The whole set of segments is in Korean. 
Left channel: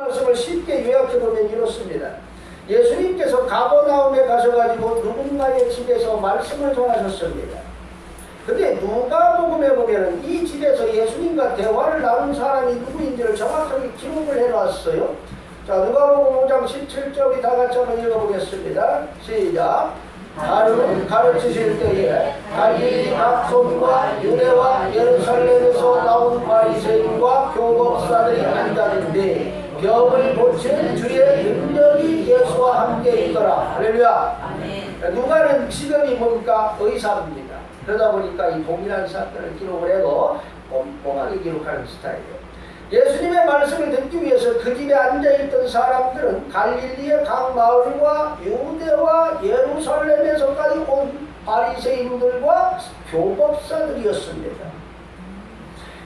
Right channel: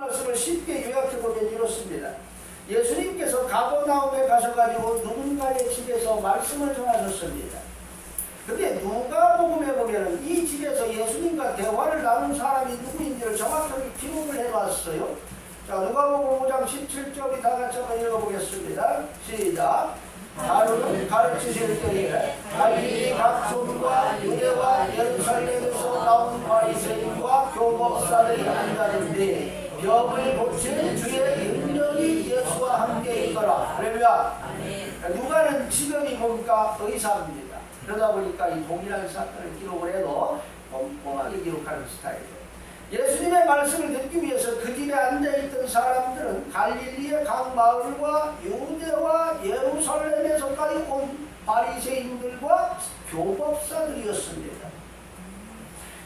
말씀을 쉽게 요약해보면 이렇습니다. 예수님께서 가버나움에 가셔가지고 누군가의 집에서 말씀을 전하셨습니다. 근데 누가복음에 보면 이 집에서 예수님과 대화를 나눈 사람이 누구인지를 정확하게 기록을 해놨어요. 자, 누가복음 5장 17절이 다 같이 한번 읽어보겠습니다. 시작. 나를 가르치실 때에 갈릴리 각손과 유대와 예루살렘에서 나온 바리새인과 교법사들이 앉았는데 병을 고치는 주의 능력이 예수와 함께 있더라. 할렐루야. 누가는 직업이 뭡니까? 의사입니다. 그러다 보니까 이 동일한 사건을 기록을 해도 꼼꼼하게 기록하는 스타일이에요. 예수님의 말씀을 듣기 위해서 그 집에 앉아있던 사람들은 갈릴리의 각 마을과 유대와 예루살렘에서까지 온 바리새인들과 교법사들이었습니다.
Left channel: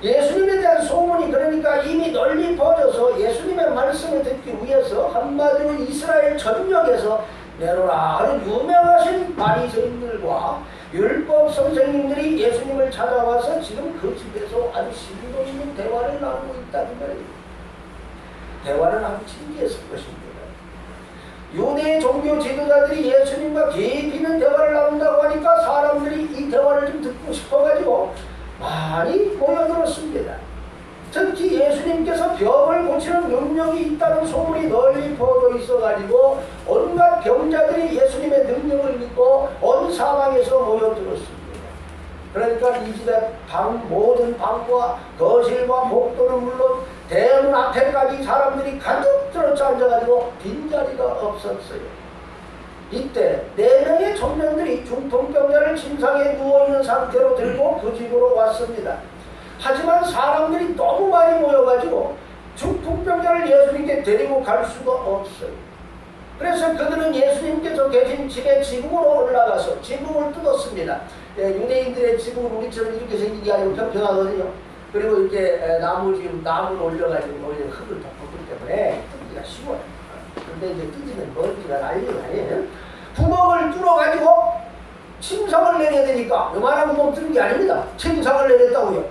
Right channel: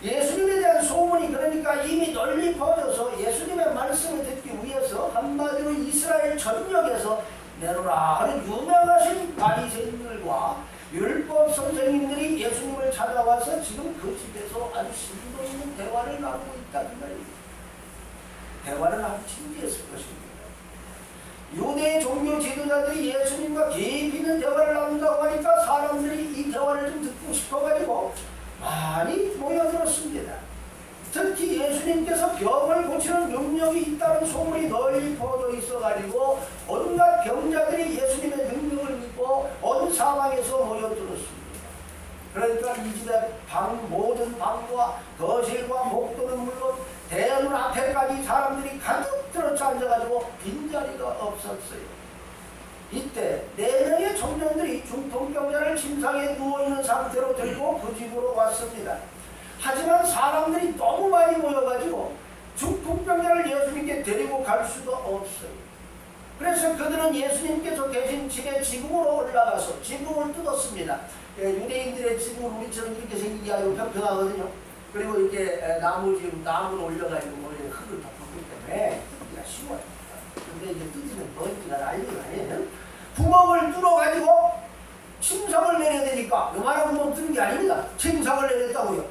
예수님에 대한 소문이 그러니까 이미 널리 퍼져서 예수님의 말씀을 듣기 위해서 한마디로 이스라엘 전역에서 내로라 하는 유명하신 바리새인들과 율법 선생님들이 예수님을 찾아와서 지금 그 집에서 아주 심도 있는 대화를 나누고 있다는 거예요. 대화는 아주 진지했을 것입니다. 유대 종교 지도자들이 예수님과 깊이 있는 대화를 나눈다고 하니까 사람들이 이 대화를 좀 듣고 싶어가지고 많이 모여들었습니다. 특히 예수님께서 병을 고치는 능력이 있다는 소문이 널리 퍼져 있어가지고 온갖 병자들이 예수님의 능력을 믿고 온 사방에서 모여들었습니다. 그러니까 이 집의 모든 방과 거실과 복도는 물론 대문 앞에까지 사람들이 가득 들어차 앉아가지고 빈자리가 없었어요. 이때 4명의 청년들이 중풍병자를 침상에 누워있는 상태로 들고 그 집으로 왔습니다. 하지만 사람들이 너무 많이 모여가지고 중풍병자를 예수님께 데리고 갈 수가 없어요. 그래서 그들은 예수님께서 계신 집의 지붕으로 올라가서 지붕을 뜯었습니다. 유대인들의 지붕은 우리처럼 이렇게 생기기 아니고 평평하거든요. 그리고 이렇게 나무를 올려가지고 흙을 덮었기 때문에 뜯기가 쉬워요. 근데 이제 뜯으면 먼지가 난리가 아니에요. 구멍을 뚫어가지고 침상을 내려야 되니까 요만한 구멍 뚫는 게 아닙니다. 침상을 내렸다고요.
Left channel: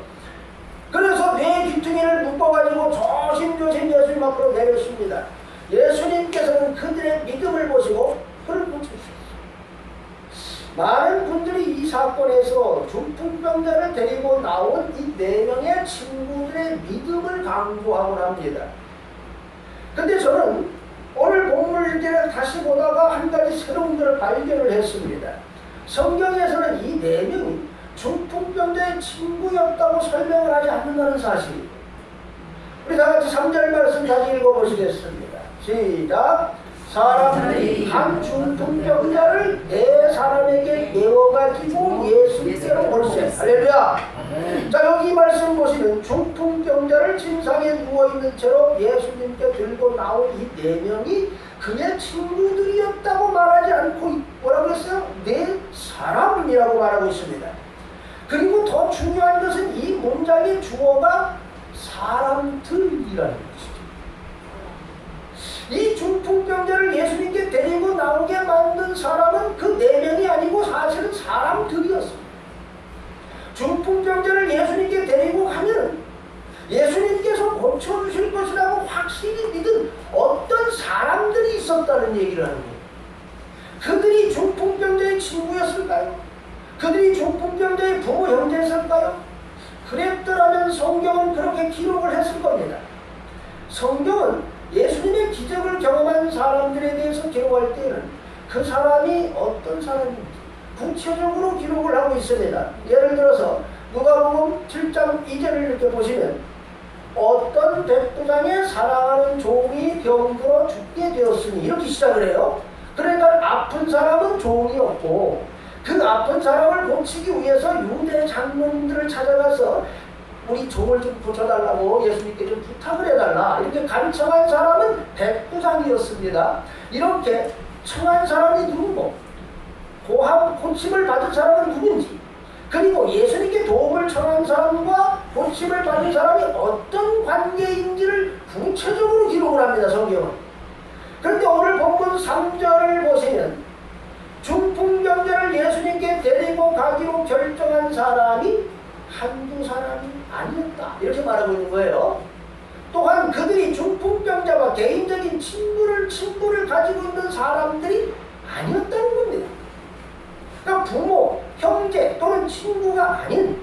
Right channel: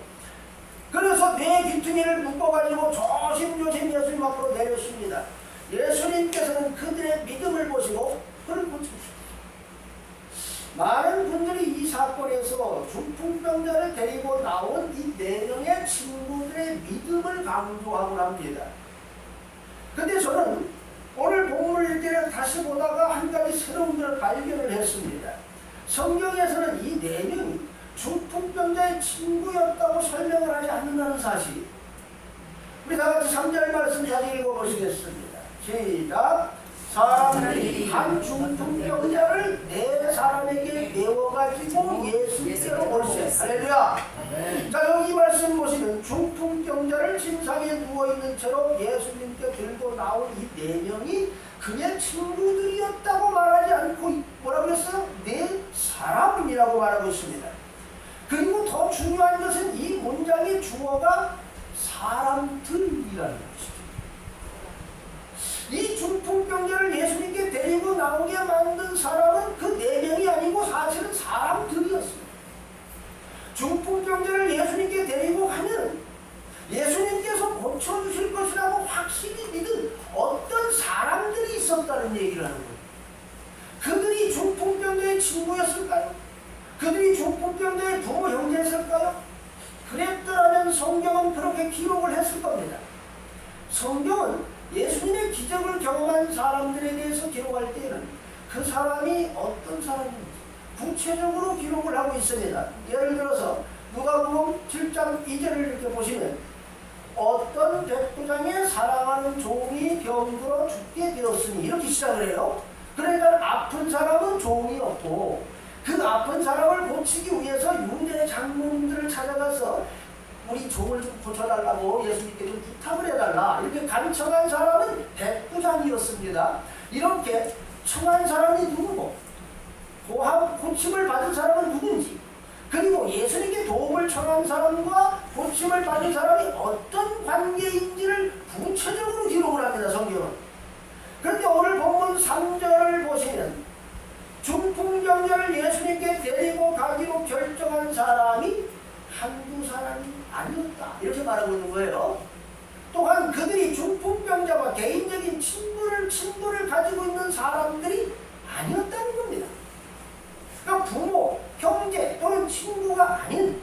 그래서 뇌 귀퉁이를 묶어가지고 조심조심 예수님 앞으로 내렸습니다. 예수님께서는 그들의 믿음을 보시고 그를 고쳐주셨어요. 많은 분들이 이 사건에서 중풍병자를 데리고 나온 이 4명의 친구들의 믿음을 강조하곤 합니다. 근데 저는 오늘 본문을 다시 보다가 한 가지 새로운 것을 발견을 했습니다. 성경에서는 이 4명이 중풍병자의 친구였다고 설명을 하지 않는다는 사실. 우리 다 같이 3절 말씀 다시 읽어보시겠습니다. 시작. 사람들이 한 중풍병자를 4사람에게 메워가지고 예수께로 오르세. 할렐루야. 자, 여기 말씀 보시면 중풍병자를 침상에 누워있는 채로 예수님께 들고 나온 이 4명이 그의 친구들이었다고 말하지 않고 뭐라고 했어요? 4사람이라고 말하고 있습니다. 그리고 더 중요한 것은 이 문장의 주어가 사람들이라는 것이죠. 이 중풍병자를 예수님께 데리고 나오게 만든 사람은 그 4명이 아니고 사실은 사람들이었습니다. 중풍병자를 예수님께 데리고 가면 예수님께서 고쳐주실 것이라고 확실히 믿은 어떤 사람들이 있었다는 얘기를 하는 거예요. 그들이 중풍병자의 친구였을까요? 그들이 중풍병자의 부모 형제였을까요? 그랬더라면 성경은 그렇게 기록을 했을 겁니다. 성경은 예수님의 기적을 경험한 사람들에 대해서 기록할 때는 그 사람이 어떤 사람인지 구체적으로 기록을 하고 있습니다. 예를 들어서 누가복음 7장 2절을 이렇게 보시면 어떤 백부장의 사랑하는 종이 병들어 죽게 되었으니 이렇게 시작을 해요. 그러니까 아픈 사람은 종이었고 그 아픈 사람을 고치기 위해서 유대 장로님들을 찾아가서 우리 종을 좀 고쳐달라고 예수님께 좀 부탁을 해달라 이렇게 간청한 사람은 백부장이었습니다. 이렇게 청한 사람이 누구고 고침을 받은 사람은 누군지 그리고 예수님께 도움을 청한 사람과 고침을 받은 사람이 어떤 관계인지를 구체적으로 기록을 합니다. 성경은. 그런데 오늘 본문 3절을 보시면 중풍병자를 예수님께 데리고 가기로 결정한 사람이 한두 사람이 아니었다 이렇게 말하고 있는 거예요. 또한 그들이 중풍병자와 친분을 가지고 있는 사람들이 아니었다는 겁니다. 그러니까 부모, 형제 또는 친구가 아닌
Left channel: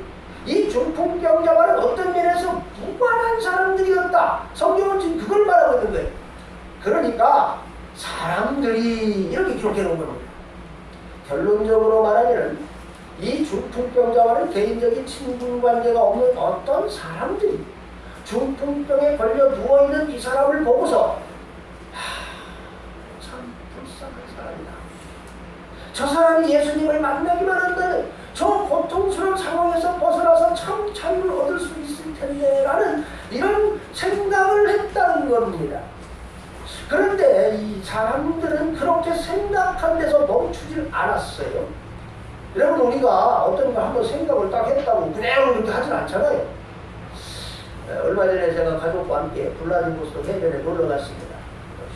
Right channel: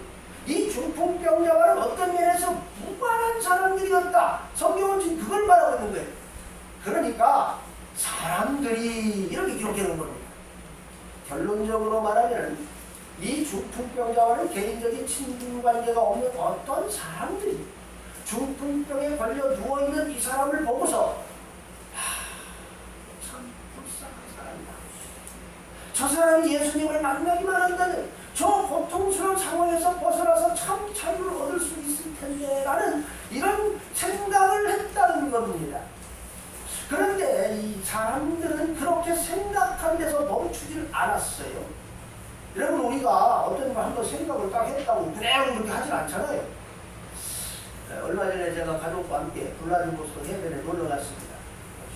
이 중풍병자와는 어떤 면에서 무관한 사람들이었다. 성경은 지금 그걸 말하고 있는 거예요. 그러니까 사람들이 이렇게 기록해 놓은 겁니다. 결론적으로 말하면 이 중풍병자와는 개인적인 친분관계가 없는 어떤 사람들이 중풍병에 걸려 누워있는 이 사람을 보고서 참 불쌍한 사람이다. 저 사람이 예수님을 만나기만 한다면 저 고통스러운 상황에서 벗어나서 참 자유를 얻을 수 있을 텐데 라는 이런 생각을 했다는 겁니다. 그런데 이 사람들은 그렇게 생각한 데서 멈추질 않았어요. 여러분, 우리가 어떤 걸 한번 생각을 딱 했다고 그대로 그렇게 하진 않잖아요. 얼마 전에 제가 가족과 함께 블라디보스토크 해변에 놀러 갔습니다.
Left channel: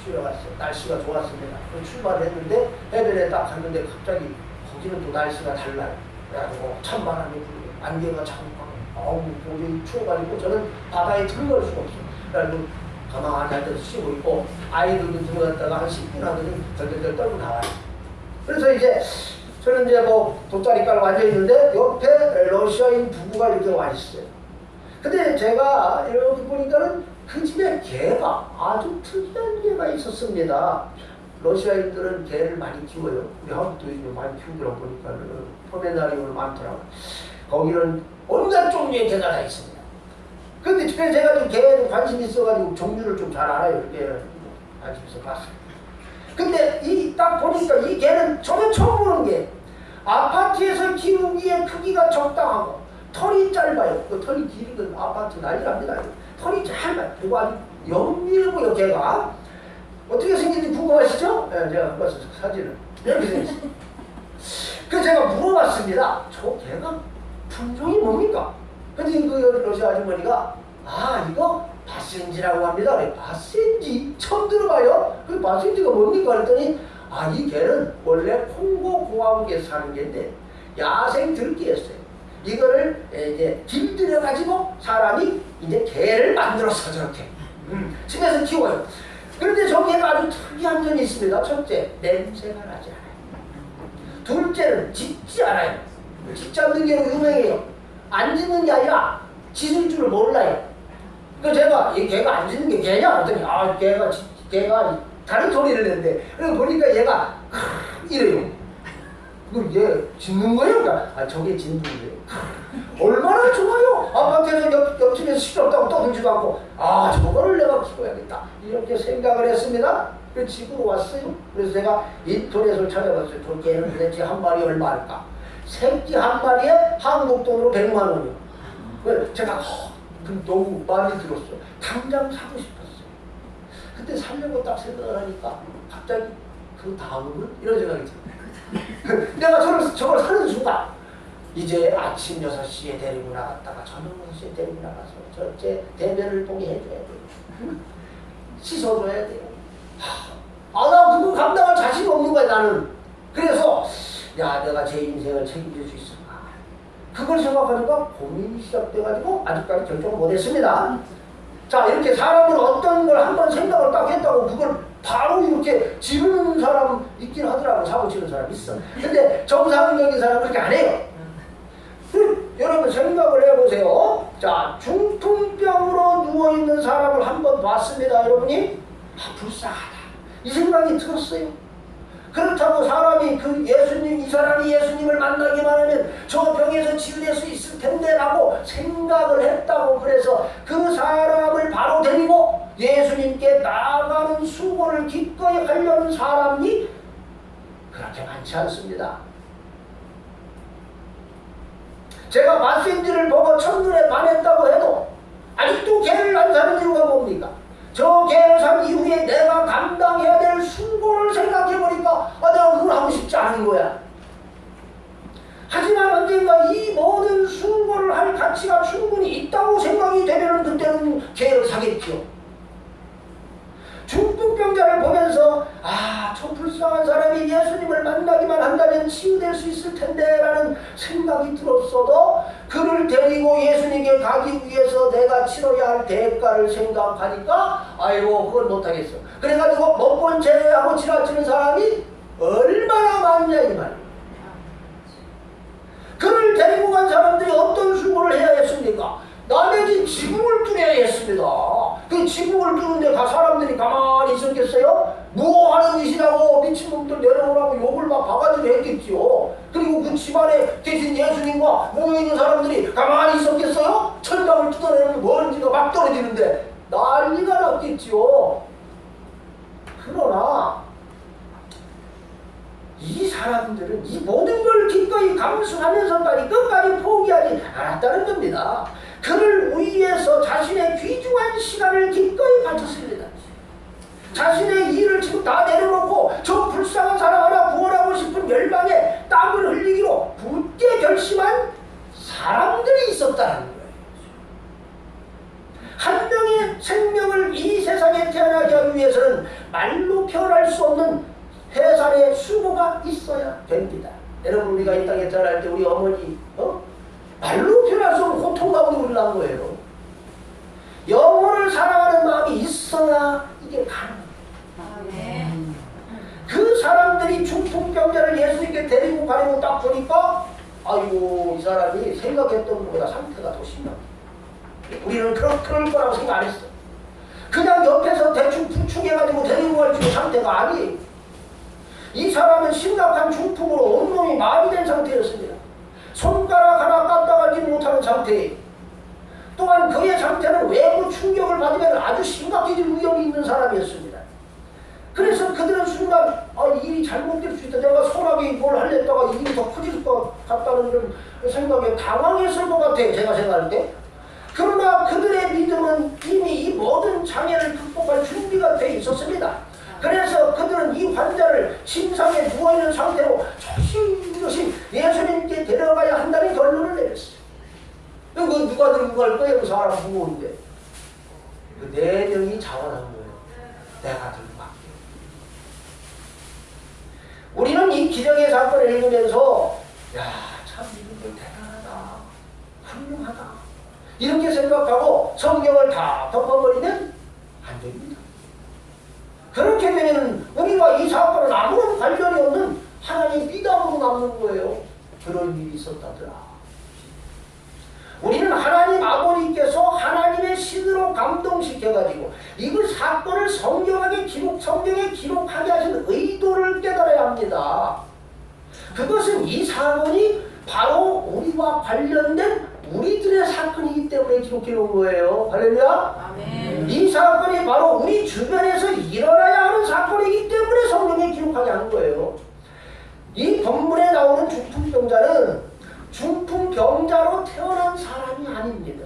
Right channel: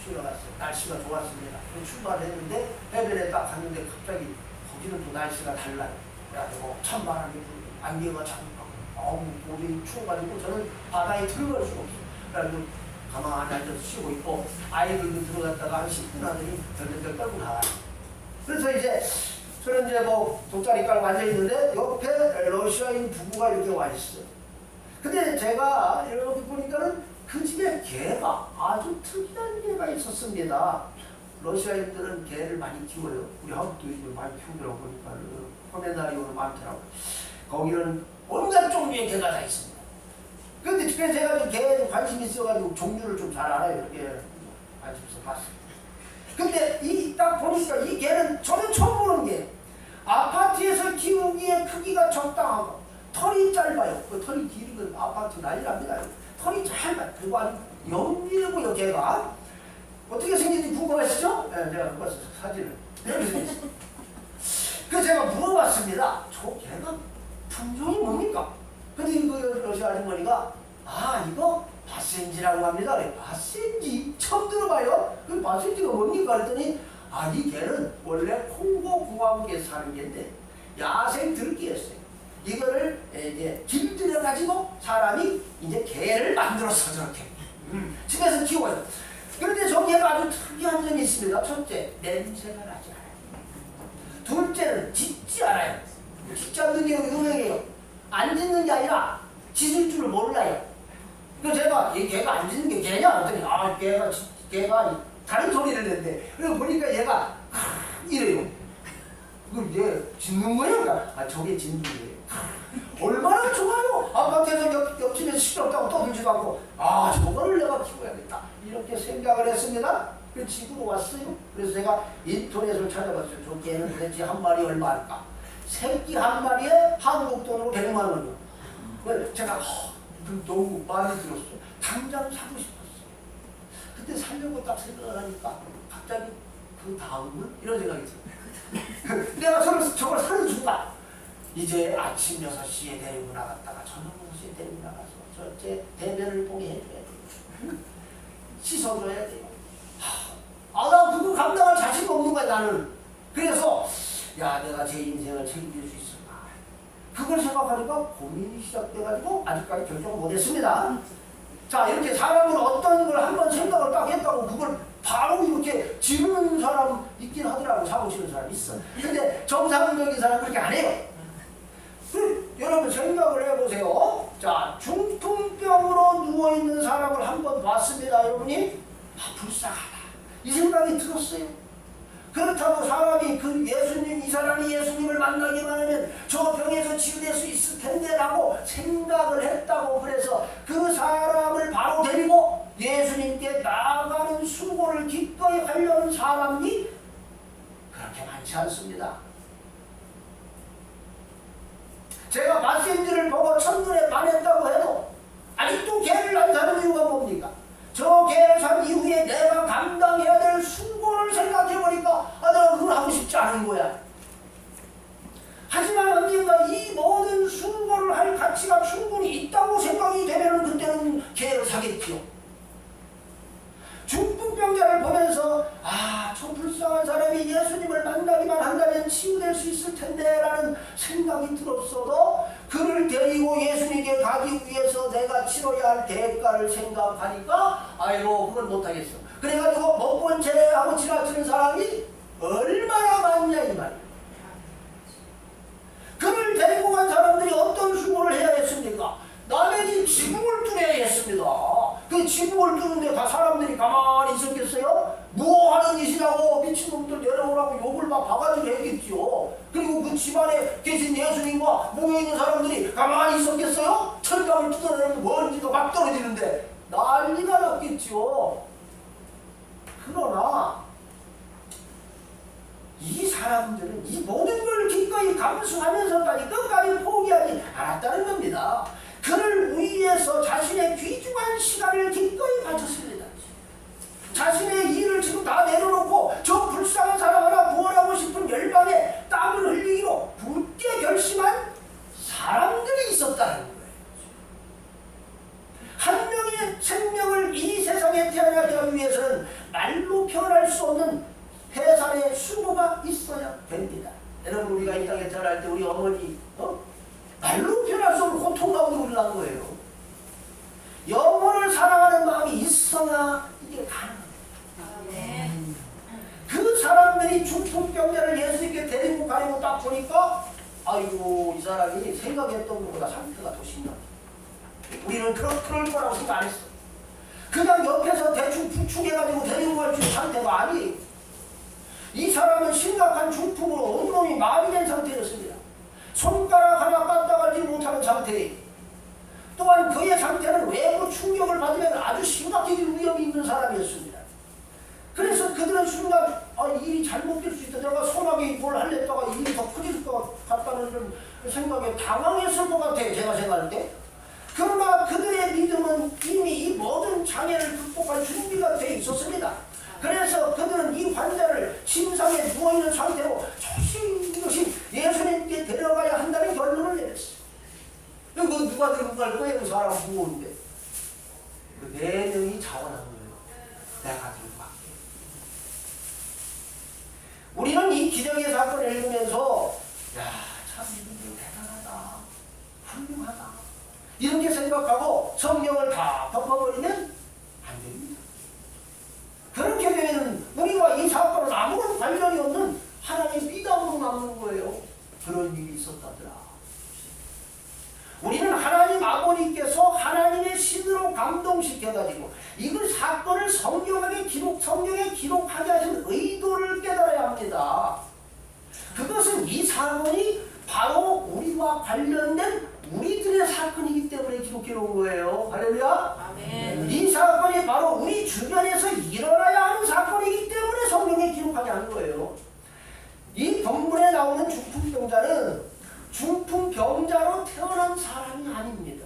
쉬러 갔어요. 날씨가 좋았습니다. 출발을 했는데 해변에 딱 갔는데 갑자기 거기는 또 날씨가 달라요. 그래가지고 찬바람이 불고 안개가 자국하고 도저히 추워가지고 저는 바다에 들어갈 수가 없어요. 그래가지고 가만히 앉아서 쉬고 있고 아이들도 들어갔다가 한 10분 하더니 덜덜덜 떨고 나와요. 그래서 이제 저는 이제 뭐 돗자리 깔고 앉아있는데 옆에 러시아인 부부가 이렇게 와 있어요. 근데 제가 이렇게 보니까는 그 집에 개가 아주 특이한 개가 있었습니다. 러시아인들은 개를 많이 키워요. 우리 한국도 요즘에 많이 키우더라고 보니까는 포메라니안이 많더라고요. 거기는 온갖 종류의 개가 다 있습니다. 근데 제가 좀 개에 관심이 있어가지고 종류를 좀 잘 알아요. 이렇게 관심있어 봤어요. 근데 이 딱 보니까 이 개는 저는 처음 보는 게 아파트에서 키우기에 크기가 적당하고 털이 짧아요. 그 털이 길은 아파트 난리납니다. 털이 짧아요. 그리고 아주 영리하고요. 개가 어떻게 생긴지 궁금하시죠? 네, 제가 한번 봤어요. 사진을 이렇게 생겼어요. 그래서 제가 물어봤습니다. 저 개가 품종이 뭡니까? 근데 그 러시아 아주머니가 이거 바센지라고 합니다. 바센지? 처음 들어봐요? 그 바센지가 뭡니까? 그랬더니 이 개는 원래 콩고 공화국에 사는 개인데 야생 들기였어요. 이거를 이제 길들여가지고 사람이 이제 개를 만들어서 저렇게 집에서 키워요. 그런데 저 개가 아주 특이한 점이 있습니다. 첫째, 냄새가 나지 않아요. 둘째는 짖지 않아요. 짖지 않는 게 유명해요. 안 짖는 게 아니라 짖을 줄을 몰라요. 그래서 제가 이 개가 안 짖는 게 개냐? 그랬더니 개가 다른 소리를 내는데 그래서 보니까 얘가 이래요. 그럼 얘 짖는 거예요? 그러니까 저게 짖는 거예요. 얼마나 좋아요. 아파트에서 옆집에서 시끄럽다고 떠들지도 않고 저거를 내가 키워야겠다 이렇게 생각을 했습니다. 그래서 집으로 왔어요. 그래서 제가 인터넷을 찾아봤어요. 저 개는 도대체 한 마리 얼마일까? 새끼 한 마리에 한국 돈으로 100만 원이요. 제가 너무 마음에 들었어. 당장 사고 싶었어요. 그때 살려고 딱 생각을 하니까 갑자기 그 다음은 이런 생각이 들어요. 내가 저걸 사는 순간 이제 아침 6시에 데리고 나갔다가 저녁 6시에 데리고 나가서 저째 대변을 보게 해줘야 돼요. 씻어줘야 돼요. 나 그거 감당할 자신이 없는 거야 나는. 그래서 내가 제 인생을 책임질 수 있을까? 그걸 생각하니까 고민이 시작돼가지고 아직까지 결정을 못했습니다. 자, 이렇게 사람은 어떤 걸 한번 생각을 딱 했다고 그걸 바로 이렇게 지르는 사람 있긴 하더라고. 사고 치는 사람 있어. 근데 정상적인 사람은 그렇게 안 해요. 여러분 생각을 해보세요. 자, 중풍병으로 누워있는 사람을 한번 봤습니다. 여러분이 불쌍하다 이 생각이 들었어요. 그렇다고 사람이 이 사람이 예수님을 만나기만 하면 저 병에서 치유될 수 있을 텐데 라고 생각을 했다고 그래서 그 사람을 바로 데리고 예수님께 나아가는 수고를 기꺼이 하려는 사람이 그렇게 많지 않습니다. 제가 바센지를 보고 첫눈에 반했다고 해도 아직도 개를 안 사는 이유가 뭡니까? 저 개를 산 이후에 내가 감당해야 될 수고를 생각해보니까 내가 그걸 하고 싶지 않은 거야. 하지만 언젠가 이 모든 수고를 할 가치가 충분히 있다고 생각이 되면 그때는 개를 사겠죠. 중풍병자를 보면서 저 불쌍한 사람이 예수님을 만나기만 한다면 치유될 수 있을 텐데 라는 생각이 들었어도 그를 데리고 예수님께 가기 위해서 내가 치러야 할 대가를 생각하니까 아이고 그걸 못하겠어. 그래가지고 먹고 제하고 지나치는 사람이 얼마나 많냐 이 말이에요. 그를 데리고 간 사람들이 어떤 수고를 해야 했습니까? 남의 집 지붕을 뚫어야 했습니다. 그 지붕을 뚫는데 사람들이 가만히 있었겠어요? 뭐하는 짓이라고 미친놈들 내려오라고 욕을 막 바가지로 했겠지요. 그리고 그 집안에 계신 예수님과 모여있는 사람들이 가만히 있었겠어요? 천장을 뜯어내는 먼지가 막 떨어지는데 난리가 났겠지요. 그러나 이 사람들은 이 모든 걸 기꺼이 감수하면서까지 끝까지 포기하지 않았다는 겁니다. 그를 위해서 자신의 귀중한 시간을 기꺼이 바쳤습니다. 자신의 일을 지금 다 내려놓고 저 불쌍한 사람 하나 구원하고 싶은 열방에 땀을 흘리기로 굳게 결심한 사람들이 있었다는 거예요. 한 명의 생명을 이 세상에 태어나게 하기 위해서는 말로 표현할 수 없는 해산의 수고가 있어야 됩니다. 여러분 우리가 이 땅에 태어날 때 우리 어머니 말로 표현할 수 없는 고통 가운데 우리 난 거예요. 영혼을 사랑하는 마음이 있어야 이게 가능합니다. 그 사람들이 중풍병자를 예수님께 데리고 가려고 딱 보니까 아이고 이 사람이 생각했던 것보다 상태가 더 심합니다. 우리는 그럴 거라고 생각 안 했어. 그냥 옆에서 대충 부축해가지고 데리고 갈 줄 상태가 아니에요. 이 사람은 심각한 중풍으로 온몸이 마비된 상태였습니다. 손가락 하나 까딱하지 못하는 상태예요. 또한 그의 상태는 외부 충격을 받으면 아주 심각해질 위험이 있는 사람이었습니다. 그래서 그들은 순간 일이 잘못될 수 있다. 내가 소나기 뭘 하려다가 일이 더 커질 것 같다는 이런 생각에 당황했을 것 같아요. 제가 생각할 때. 그러나 그들의 믿음은 이미 이 모든 장애를 극복할 준비가 되어 있었습니다. 그래서 그들은 이 환자를 침상에 누워있는 상태로 조심조심 예수님께 데려가야 한다는 결론을 내렸어요. 이거 누가 들고 갈 거예요? 그 사람 무거운데. 그 4명이 자원한 거예요. 내가 들고 갈게. 우리는 이 기적의 사건을 읽으면서 참 이분들 대단하다. 훌륭하다. 이렇게 생각하고 성경을 다 덮어버리면 안 됩니다. 그렇게 되면 우리와 이 사건은 아무런 관련이 없는 하나님 비담으로 남는 거예요. 그런 일이 있었다더라. 우리는 하나님 아버지께서 하나님의 신으로 감동시켜가지고 이그 사건을 성경에 기록하게 하신 의도를 깨달아야 합니다. 그것은 이 사건이 바로 우리와 관련된 우리들의 사건이기 때문에 기록해 놓은 거예요. 할렐루야. 아멘. 이 사건이 바로 우리 주변에서 일어나야 하는 사건이기 때문에 성경에 기록하게 하는 거예요. 이 본문에 나오는 중풍병자는 중풍병자로 태어난 사람이 아닙니다.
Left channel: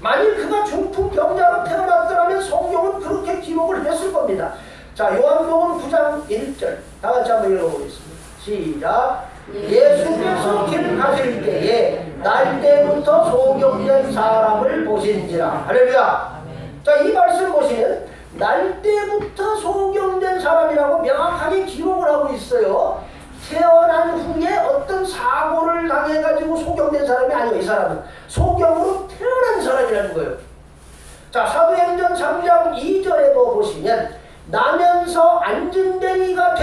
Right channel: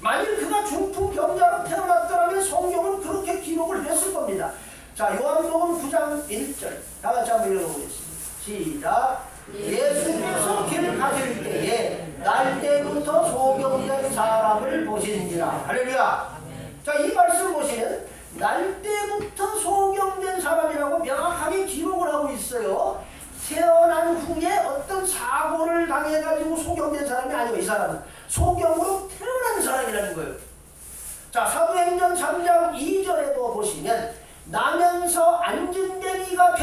만일 그가 중풍병자로 태어났더라면 성경은 그렇게 기록을 했을 겁니다. 자, 요한복음 9장 1절 다 같이 한번 읽어보겠습니다. 시작. 예수께서 길 가실 때에 날 때부터 소경된 사람을 보시는지라. 할렐루야. 자, 이 말씀 보시면 날 때부터 소경된 사람이라고 명확하게 기록을 하고 있어요. 태어난 후에 어떤 사고를 당해가지고 소경된 사람이 아니에요. 이 사람은 소경으로 태어난 사람이라는 거예요. 자, 사도행전 3장 2절에도 보시면 나면서 안진뱅이가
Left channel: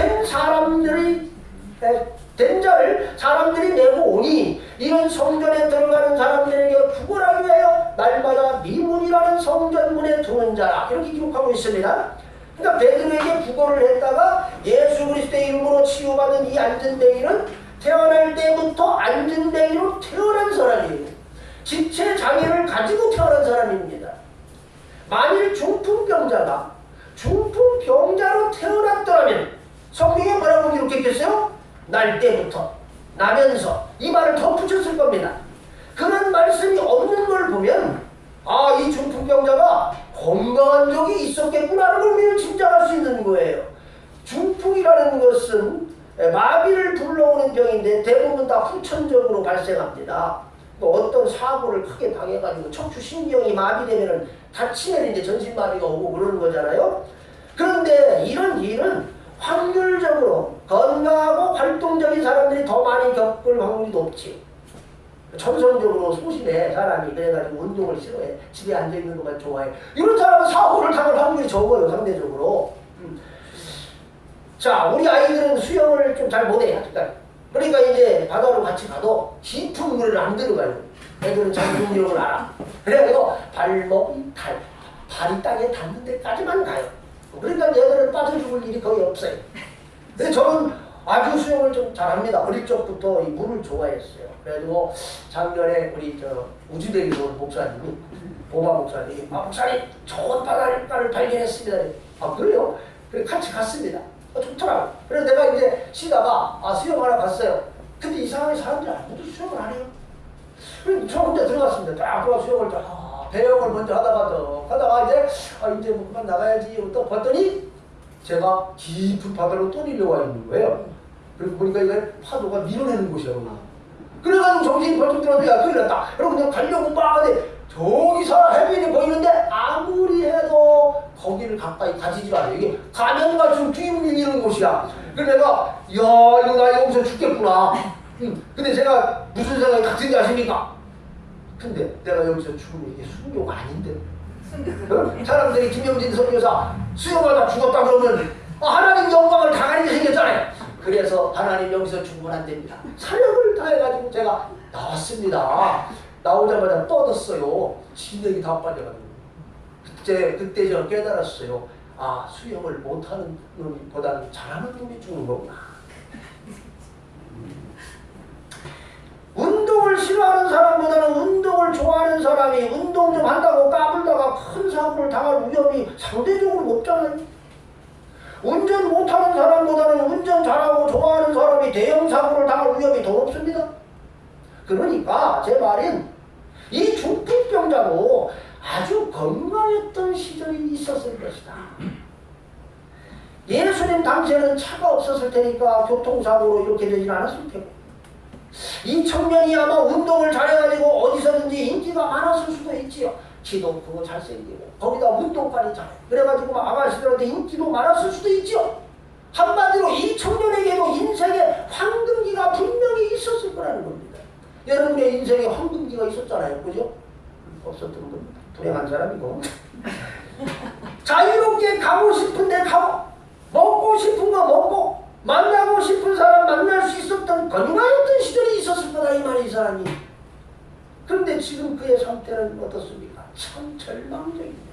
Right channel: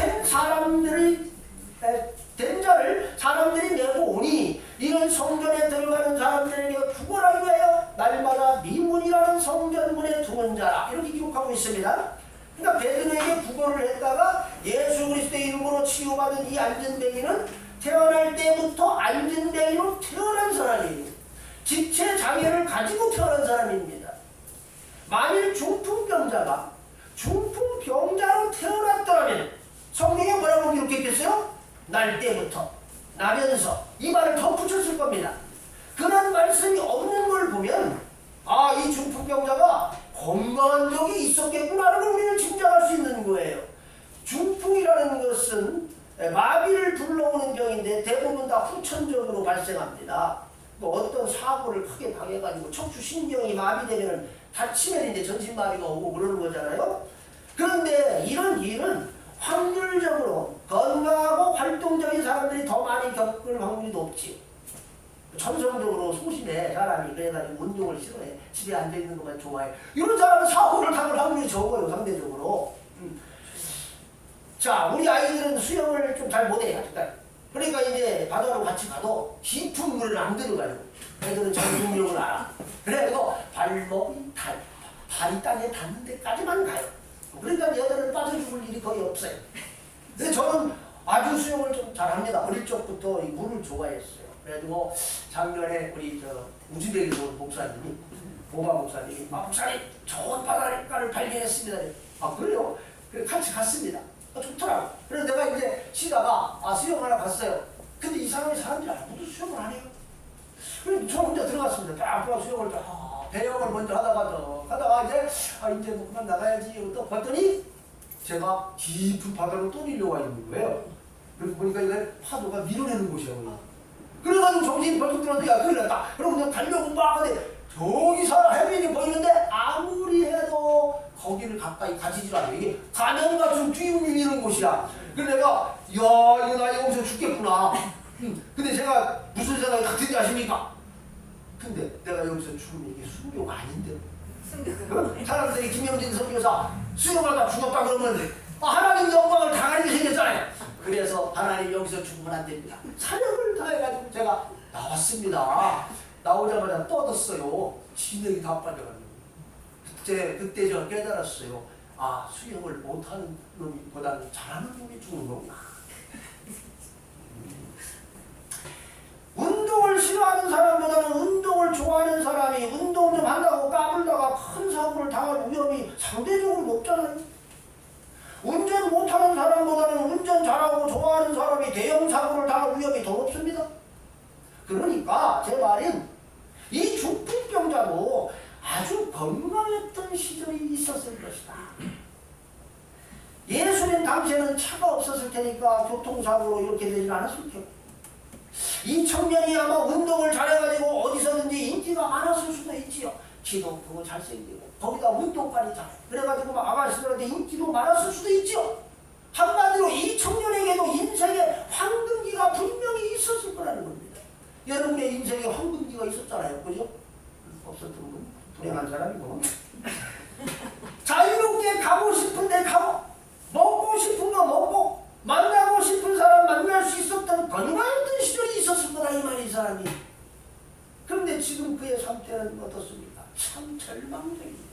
된 자를 사람들이 내고 오니 이는 성전에 들어가는 사람들에게 구걸하기 위하여 날마다 미문이라는 성전문에 두는 자라. 이렇게 기록하고 있습니다. 그러니까 베드로에게 구걸을 했다가 예수 그리스도의 이름으로 치유받은 이 안진뱅이는 태어날 때부터 안진뱅이로 태어난 사람이에요. 지체 장애를 가지고 태어난 사람입니다. 만일 중풍병자가 중풍병자로 태어났더라면 성경에 뭐라고 기록했겠어요? 날 때부터, 나면서 이 말을 덧붙였을 겁니다. 그런 말씀이 없는 걸 보면 이 중풍병자가 건강한 적이 있었겠구나라는 걸 우리는 짐작할 수 있는 거예요. 중풍이라는 것은 마비를 불러오는 병인데 대부분 다 후천적으로 발생합니다. 어떤 사고를 크게 당해가지고 척추신경이 마비되면 다치면 이제 전신마비가 오고 그러는 거잖아요. 그런데 이런 일은 확률적으로 건강하고 활동적인 사람들이 더 많이 겪을 확률이 높지요. 천성적으로 소심해 사람이. 그래가지고 운동을 싫어해. 집에 앉아있는 것만 좋아해. 이런 사람은 사고를 당할 확률이 적어요 상대적으로. 자, 우리 아이들은 수영을 좀 잘 못해 아직까지. 그러니까 이제 바다로 같이 가도 깊은 물을 안 들어가요. 애들은 잠중력을 알아. 그래서 발목이 발이 땅에 닿는 데까지만 가요. 그러니까 얘들은 빠져 죽을 일이 거의 없어요. 근데 저는 아주 수영을 좀 잘합니다. 어릴 적부터 이 물을 좋아했어요. 그래가지고 작년에 우리 우주대리도 목사님이 보바 목사님이 목사님 좋은 바닷가를 발견했습니다. 그래요? 그래 같이 갔습니다. 좋더라고. 그래서 내가 이제 쉬다가 수영하러 갔어요. 근데 이상하게 사람들이 아무도 수영을 안 해요. 그래서 저 혼자 들어갔습니다. 딱 들어가 수영을 배영을 먼저 하다가 이제 뭐 그만 나가야지 또 봤더니 제가 깊은 바다로 또 내려와 있는 거예요. 그리고 보니까 이걸 파도가 밀어내는 곳이야. 그래가지고 정신이 벌떡 들었는데 큰일 났다. 그러고 그냥 가려고 막 하는데 저기서 해변이 보이는데 아무리 해도 거기를 가까이 가지질 않아요. 이게 가면 갈수록 뒤로 밀리는 곳이야. 그래서 내가 이거 나 여기서 죽겠구나. 근데 제가 무슨 생각이 같은지 아십니까? 근데 내가 여기서 죽으면 이게 순교가 아닌데. 사람들이 김영진 선교사 수영하다 죽었다 그러면 하나님 영광을 당하게 생겼잖아요. 그래서 하나님 여기서 죽으면 안 됩니다. 사역을 다해가지고 제가 나왔습니다. 나오자마자 뻗었어요. 진액이 다 빠져가지고. 그때 제가 깨달았어요. 수영을 못하는 놈보다는 잘하는 놈이 죽는 거구나. 운동을 싫어하는 사람보다는 운동을 좋아하는 사람이 운동 좀 한다고 까불다가 큰 사고를 당할 위험이 상대적으로 높잖아요. 운전 못하는 사람보다는 운전 잘하고 좋아하는 사람이 대형 사고를 당할 위험이 더 높습니다. 그러니까 제 말은 이 중풍병자도 아주 건강했던 시절이 있었을 것이다. 예수님 당시에는 차가 없었을 테니까 교통사고로 이렇게 되진 않았을 테고, 이 청년이 아마 운동을 잘해가지고 어디서든지 인기가 많았을 수도 있지요. 키도 크고 잘생기고 거기다 운동까지 잘해. 그래가지고 아가씨들한테 인기도 많았을 수도 있지요. 한마디로 이 청년에게도 인생의 황금기가 분명히 있었을 거라는 겁니다. 여러분의 인생에 황금기가 있었잖아요. 그죠? 없었던 분 불행한 사람이고. 자유롭게 가고 싶은데 가고, 먹고 싶은 거 먹고, 만나고 싶은 사람 만날 수 있었던 건강했던 시절이 있었을 거다 이 말이. 이 사람이. 그런데 지금 그의 상태는 어떻습니까? 참 절망적입니다.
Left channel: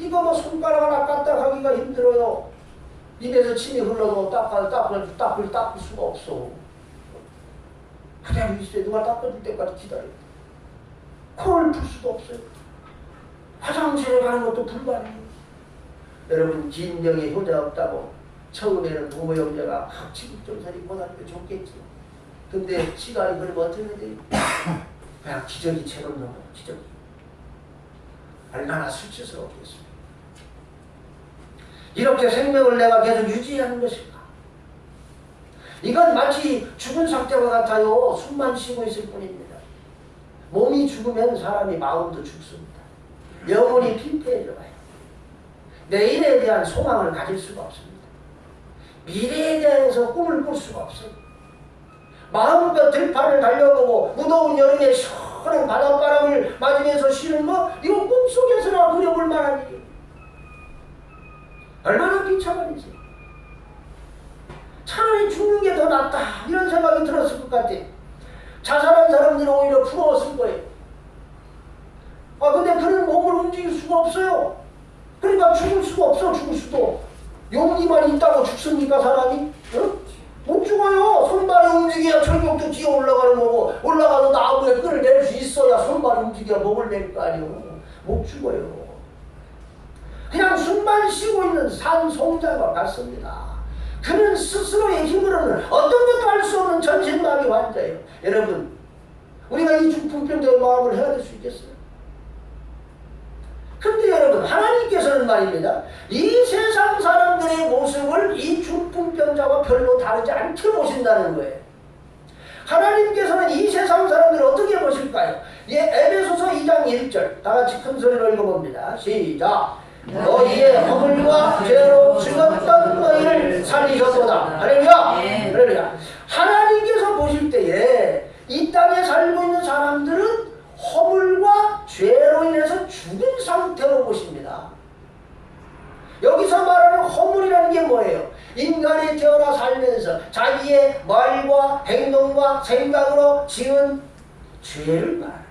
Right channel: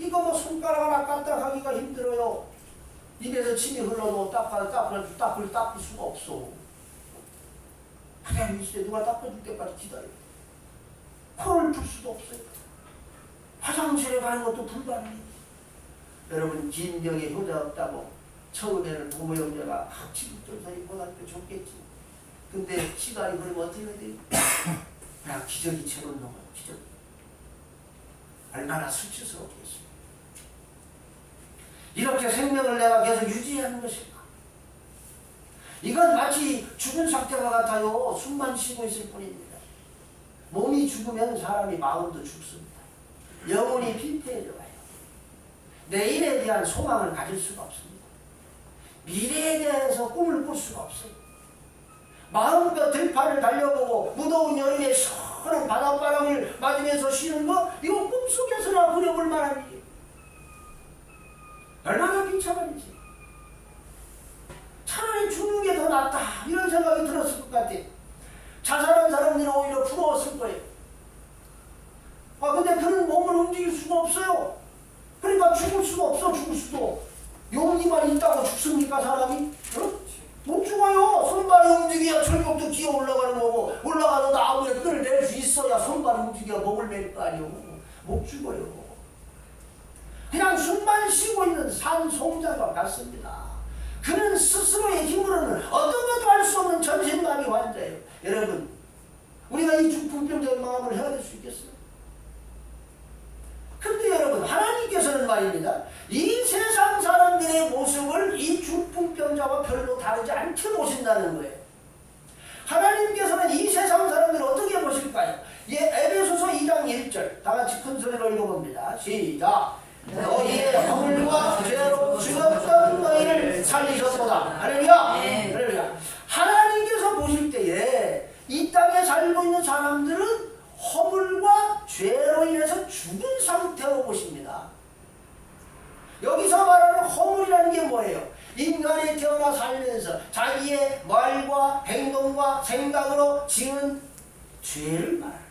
이거 뭐 손가락 하나 까딱하기가 힘들어요. 입에서 침이 흘러도 닦을 수가 없어. 그냥 있어요. 누가 닦아줄 때까지 기다려요. 코를 풀 수도 없어요. 화장실에 가는 것도 불가능해요. 여러분, 긴 병에 효자 없다고 처음에는 부모 형제가 지극정선이 고등학교 좋겠지. 근데 시간이 흐르면 어떻게 돼요? 그냥 기저귀 채로 넘어요. 기저귀. 얼마나 수치스럽겠어요. 이렇게 생명을 내가 계속 유지하는 것인가? 이건 마치 죽은 상태와 같아요. 숨만 쉬고 있을 뿐입니다. 몸이 죽으면 사람이 마음도 죽습니다. 영혼이 피폐해져 가요. 내일에 대한 소망을 가질 수가 없습니다. 미래에 대해서 꿈을 꿀 수가 없어요. 마음껏 들판을 달려보고 무더운 여름에 시원한 바닷바람을 맞으면서 쉬는 거, 이거 꿈속에서나 그려볼 만한 일이에요. 얼마나 비참한 일이지. 차라리 죽는 게 더 낫다 이런 생각이 들었을 것 같아요. 자살한 사람들은 오히려 부러웠을 거예요. 근데 그는 몸을 움직일 수가 없어요. 그러니까 죽을 수가 없어. 죽을 수도. 용기만 있다고 죽습니까 사람이? 못 죽어요. 손발이 움직여야 철벽도 기어 올라가는 거고, 올라가서 나무에 끈을 낼 수 있어야 손발이 움직여야 목을 낼 거 아니에요. 못 죽어요. 그냥 숨만 쉬고 있는 산송자가 같습니다. 그는 스스로의 힘으로는 어떤 것도 할 수 없는 전신마비 환자예요. 여러분, 우리가 이 중풍병자의 마음을 헤아릴 수 있겠어요? 근데 여러분, 하나님께서는 말입니다, 이 세상 사람들의 모습을 이 중풍병자와 별로 다르지 않게 보신다는 거예요. 하나님께서는 이 세상 사람들을 어떻게 보실까요? 에베소서 2장 1절 다 같이 큰 소리로 읽어봅니다. 시작. 너희의 허물과 죄로 죽었던 너희를 살리셨도다. 할렐루야. 할렐루야. 하나님께서 보실 때에 이 땅에 살고 있는 인간이 태어나 살면서 자기의 말과 행동과 생각으로 지은 죄를 말합니다.